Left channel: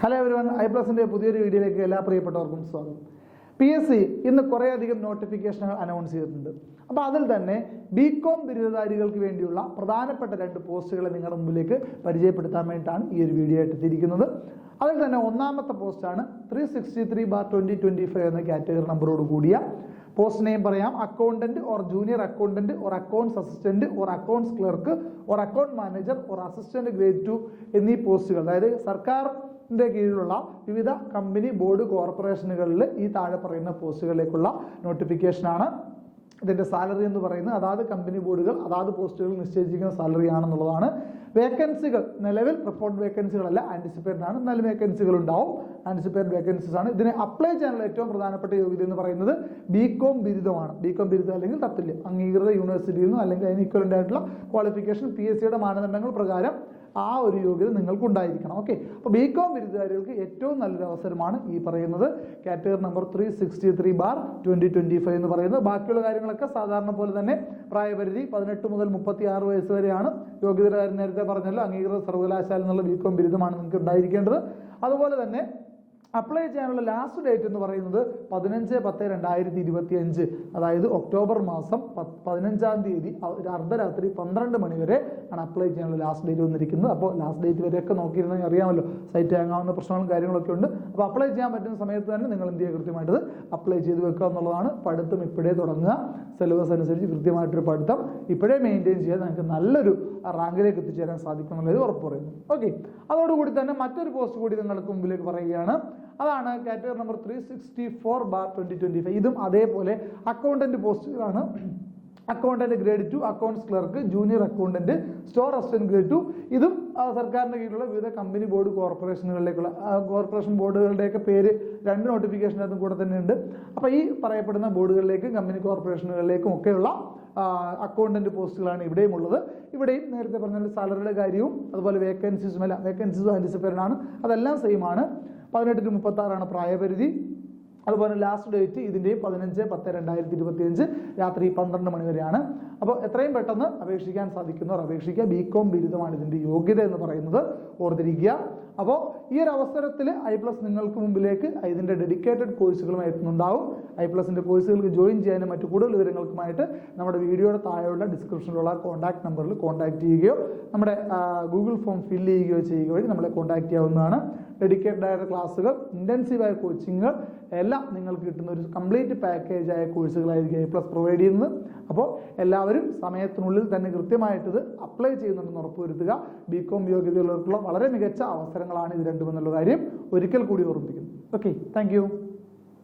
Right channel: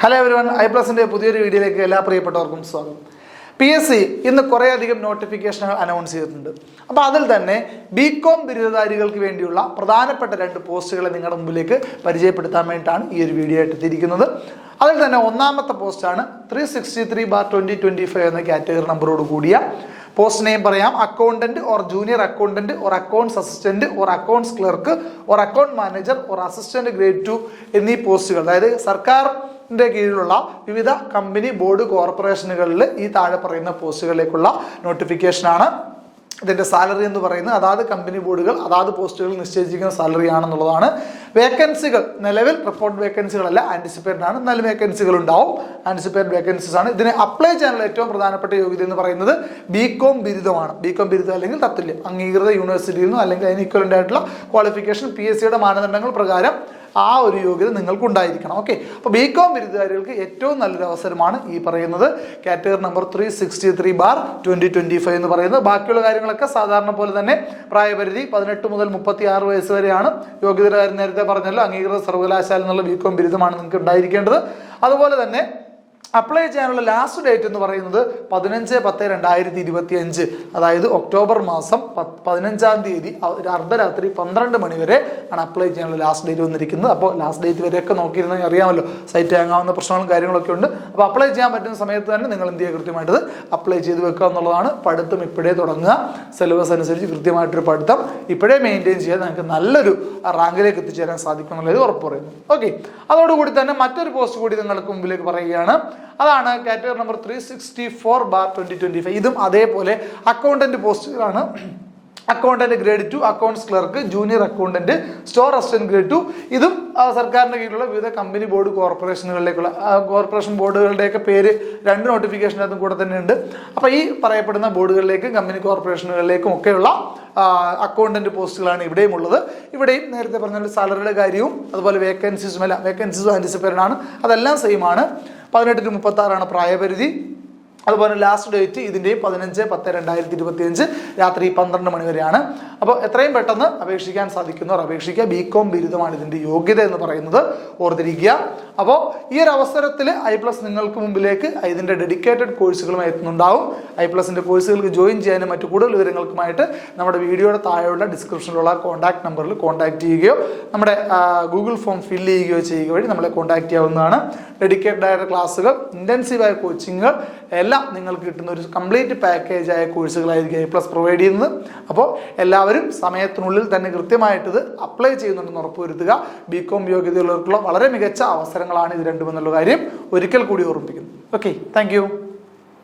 Hello everyone, ഐപ്ലസിൻ്റെ പുതിയൊരു വീഡിയോയിലേക്ക് എല്ലാ പ്രിയപ്പെട്ടവർക്കും സ്വാഗതം. PSC ഇന്ന് കുറേയധികം നോട്ടിഫിക്കേഷനുകൾ അനൗൺസ് ചെയ്തിട്ടുണ്ട്. അപ്പോൾ അതിൽ തന്നെ BCom ബിരുദധാരികൾക്ക് വേണ്ടിയുള്ള പ്രധാനപ്പെട്ട 2 പോസ്റ്റുകളെ നിങ്ങളുടെ മുമ്പിലേക്ക് പരിചയപ്പെടുത്താൻ വേണ്ടിയിട്ടാണ് ഈ ഒരു വീഡിയോ ആയിട്ട് എത്തിയിരിക്കുന്നത്. അതിൽ തന്നെ ഒന്നാമത്തെ പോസ്റ്റാണ് 363/2025 എന്ന കാറ്റഗറി നമ്പറോട് കൂടിയ പോസ്റ്റ് നെയിം പറയാം. Accountant or junior accountant or accounts assistant or accounts clerk or account manager or assistant grade 2 എന്നീ പോസ്റ്റുകൾ, അതായത് സർക്കാരിൻ്റെ കീഴിലുള്ള വിവിധ കമ്പനി ബോർഡ് കോർപ്പറേഷനുകളിൽ ഈ താഴെ പറയുന്ന പോസ്റ്റുകളിലേക്കുള്ള നോട്ടിഫിക്കേഷനാണ്. ഇതിൻ്റെ സാലറി എന്ന് പറയുന്നത് അതാത് കമ്പനി ബോർഡുകൾ അതാത് പോസ്റ്റുകൾ നിശ്ചയിച്ചിരിക്കുന്ന സാലറി ആണെന്നുള്ളതാണ്. വേക്കൻസികൾ നിലവിൽ റിപ്പോർട്ട് വേക്കൻസികളല്ല, ആൻറ്റിസിപ്പേറ്റഡ് ആണ്. 4 വേക്കൻസികൾ ഉണ്ടാവും. ആൻറ്റിസിപ്പേറ്റഡ് വേക്കൻസീസ് ആണ്. ഇതിനെ അപ്ലൈ ചെയ്യാനുള്ള ഏറ്റവും പ്രധാനപ്പെട്ട യോഗ്യത എന്ന് പറയുന്നത് BCom ബിരുദമാണ്. BCom ബിരുദം അല്ലെങ്കിൽ തത്തുല്യം അംഗീകൃത യൂണിവേഴ്സിറ്റിയിൽ നിന്നും അല്ലെങ്കിൽ അതിന് ഇക്വലൻ്റ് ആയിട്ടുള്ള ക്വാളിഫിക്കേഷൻ PSCയുടെ മാനദണ്ഡങ്ങൾ പ്രകാരം ആ ഒരു യോഗ്യത നിങ്ങൾക്ക് ഉണ്ടായിരിക്കണം. ഓക്കെ, അപ്പോൾ BCom ബിരുദധാരികൾക്ക് ഏറ്റവും നല്ലൊരു അവസരമാണ് ഈ പറയുന്നത് കാറ്റഗറി നമ്പർ 363/2025 എന്ന് പറയുന്നത്. ബാക്കിയുള്ള കാര്യങ്ങളൊക്കെ സാധാരണ പോലെ തന്നെ പ്രായപരിധി 18 മുതൽ 36 വയസ്സ് വരെയാണ്. യോഗ്യതയുടെ കാര്യം നേരത്തെ പറഞ്ഞല്ലോ, അംഗീകൃത സർവകലാശാല എന്നുള്ള BCom ബിരുദമാണ് നിങ്ങൾക്ക് ഉണ്ടായിരിക്കേണ്ടത്. അതുപോലെ തന്നെ അപ്ലൈ ചെയ്യാനുള്ള ലാസ്റ്റ് ഡേറ്റ് എന്ന് പറയുന്നത് 15/10/2025, അതായത് ഒക്ടോബർ മാസം 15-ാം തീയതി അർദ്ധരാത്രി 12 മണി വരെ ആണ് അപ്ലൈ ചെയ്യാനുള്ള ലാസ്റ്റ് ഡേറ്റ് വന്നിരിക്കുന്നത്. അപ്പോൾ ലാസ്റ്റ് ഡേറ്റ് വരെയൊക്കെ നോക്കിയിരുന്നെങ്കിൽ അറിയാമല്ലോ, സൈറ്റ് ഹാങ്ങാവുന്ന പ്രശ്നങ്ങളും കാര്യങ്ങളൊക്കെ ഉണ്ട്. അപ്പോൾ അപ്ലൈ ചെയ്യാൻ പറ്റുന്ന സമയത്ത് തന്നെ നിങ്ങൾ എന്ത് ചെയ്യുക, കൃത്യമായിട്ടത് അപ്ലൈ ചെയ്ത് വെക്കുക എന്നുള്ളതാണ്. പഠിത്തം ഇപ്പോഴേ തുടങ്ങുക, സിലബസ് അനുസരിച്ച് കൃത്യമായിട്ടൊരു പഠിത്തം ഇപ്പോഴേ മെയിൻറ്റെയിൻ ചെയ്യാൻ നിങ്ങൾക്ക് നല്ലൊരു റാങ്കിലേക്ക് എത്തിച്ചേരാൻ സാധിക്കും എന്നുള്ളത് ഉറപ്പ് പറയുന്നു. ഓക്കെ, അതോടുകൂടി തന്നെ മറ്റൊരു പോസ്റ്റ് കൂടി നിങ്ങൾക്ക് മുമ്പിലേക്ക് പറയുകയാണ്. അതാണ് കാറ്റഗറി നമ്പർ 364/2025. ഇതും അതേപോലെ അക്കൗണ്ടന്റ് പോസ്റ്റുകളാണ്. Accountant grade 2, accounts clerk, junior accountant, store assistant grade 2. ഇതും സർക്കാരിൻ്റെ കീഴിലുള്ള വിവിധ കമ്പനി ബോർഡ് കോർപ്പറേഷനുകളിലേക്കുള്ള കോർപ്പറേഷൻ ബോർഡുകളുടെയൊക്കെ പേര് 2 നോട്ടിഫിക്കേഷനകത്തും കൂടെ തന്നെ ഉണ്ട്. അപ്പോൾ ഈ പറയപ്പെടുന്ന ബോർഡുകളിലേക്കും കമ്പനി കോർപ്പറേഷനുകളിലേക്കും ഒക്കെയുള്ള അക്കൗണ്ടന്റ് പോസ്റ്റുകളാണ് ഇവിടെയും ഉള്ളത്. ഇവിടെയും നേരത്തെ പറഞ്ഞ സാലറിയുടെ കാര്യവും അതുപോലെ വേക്കൻസീസും ആൻറ്റിസിപ്പേറ്റഡ് ആണ്. അതെല്ലാം സെയിം ആണ്. 18 to 36 പ്രായപരിധി. അതുപോലെ ലാസ്റ്റ് ഡേറ്റ് ഇതിൻ്റെയും 15/10/2025 രാത്രി 12 മണി വരെയാണ്. അപ്പോൾ എത്രയും പെട്ടെന്ന് അപേക്ഷിക്കാൻ സാധിക്കുന്നവർ അപേക്ഷിക്കുക. BCom ബിരുദമാണ് ഇതിൻ്റെ യോഗ്യത എന്ന് പറയുന്നത്, ഓർത്തിരിക്കുക. അപ്പോൾ ഈ ഒരു അവസരത്തിൽ ഐപ്ലസ് നിങ്ങൾക്ക് മുമ്പിലേക്ക് ഇതിൻ്റെ ഡെഡിക്കേറ്റഡ് കോഴ്സുകളുമായി എത്തുന്നുണ്ടാവും. ഐപ്ലസിൻ്റെ കോഴ്സുകൾക്ക് ജോയിൻ ചെയ്യാനും മറ്റു കൂടുതൽ വിവരങ്ങൾക്കുമായിട്ട് നമ്മുടെ വീഡിയോയുടെ താഴെയുള്ള ഡിസ്ക്രിപ്ഷനിലുള്ള കോൺടാക്ട് നമ്പറിൽ കോൺടാക്ട് ചെയ്യുകയോ നമ്മുടെ ഗൂഗിൾ ഫോം ഫില്ല് ചെയ്യുകയോ ചെയ്യുക വഴി നമ്മളെ കോൺടാക്ട് ചെയ്യാവുന്നതാണ്. ഡെഡിക്കേറ്റഡ് ആയ ക്ലാസ്സുകൾ, ഇൻറ്റൻസീവായ കോച്ചിങ്ങുകൾ എല്ലാം നിങ്ങൾക്ക് കിട്ടുന്ന ഒരു കംപ്ലീറ്റ് പാക്കേജ് ആയ കോഴ്സുകളായിരിക്കും ഐപ്ലസ് പ്രൊവൈഡ് ചെയ്യുന്നത്. അപ്പോൾ എല്ലാവരും സമയത്തിനുള്ളിൽ തന്നെ കൃത്യമായിട്ടിത് അപ്ലൈ ചെയ്യുന്നുണ്ടെന്ന് ഉറപ്പുവരുത്തുക. BCom യോഗ്യതയുള്ളവർക്കുള്ള വളരെ മികച്ച അവസരങ്ങളാണ് ഇത് രണ്ടുമെന്നുള്ള കാര്യം ഒരിക്കൽ കൂടി ഓർമ്മിപ്പിക്കുന്നു. Okay, thank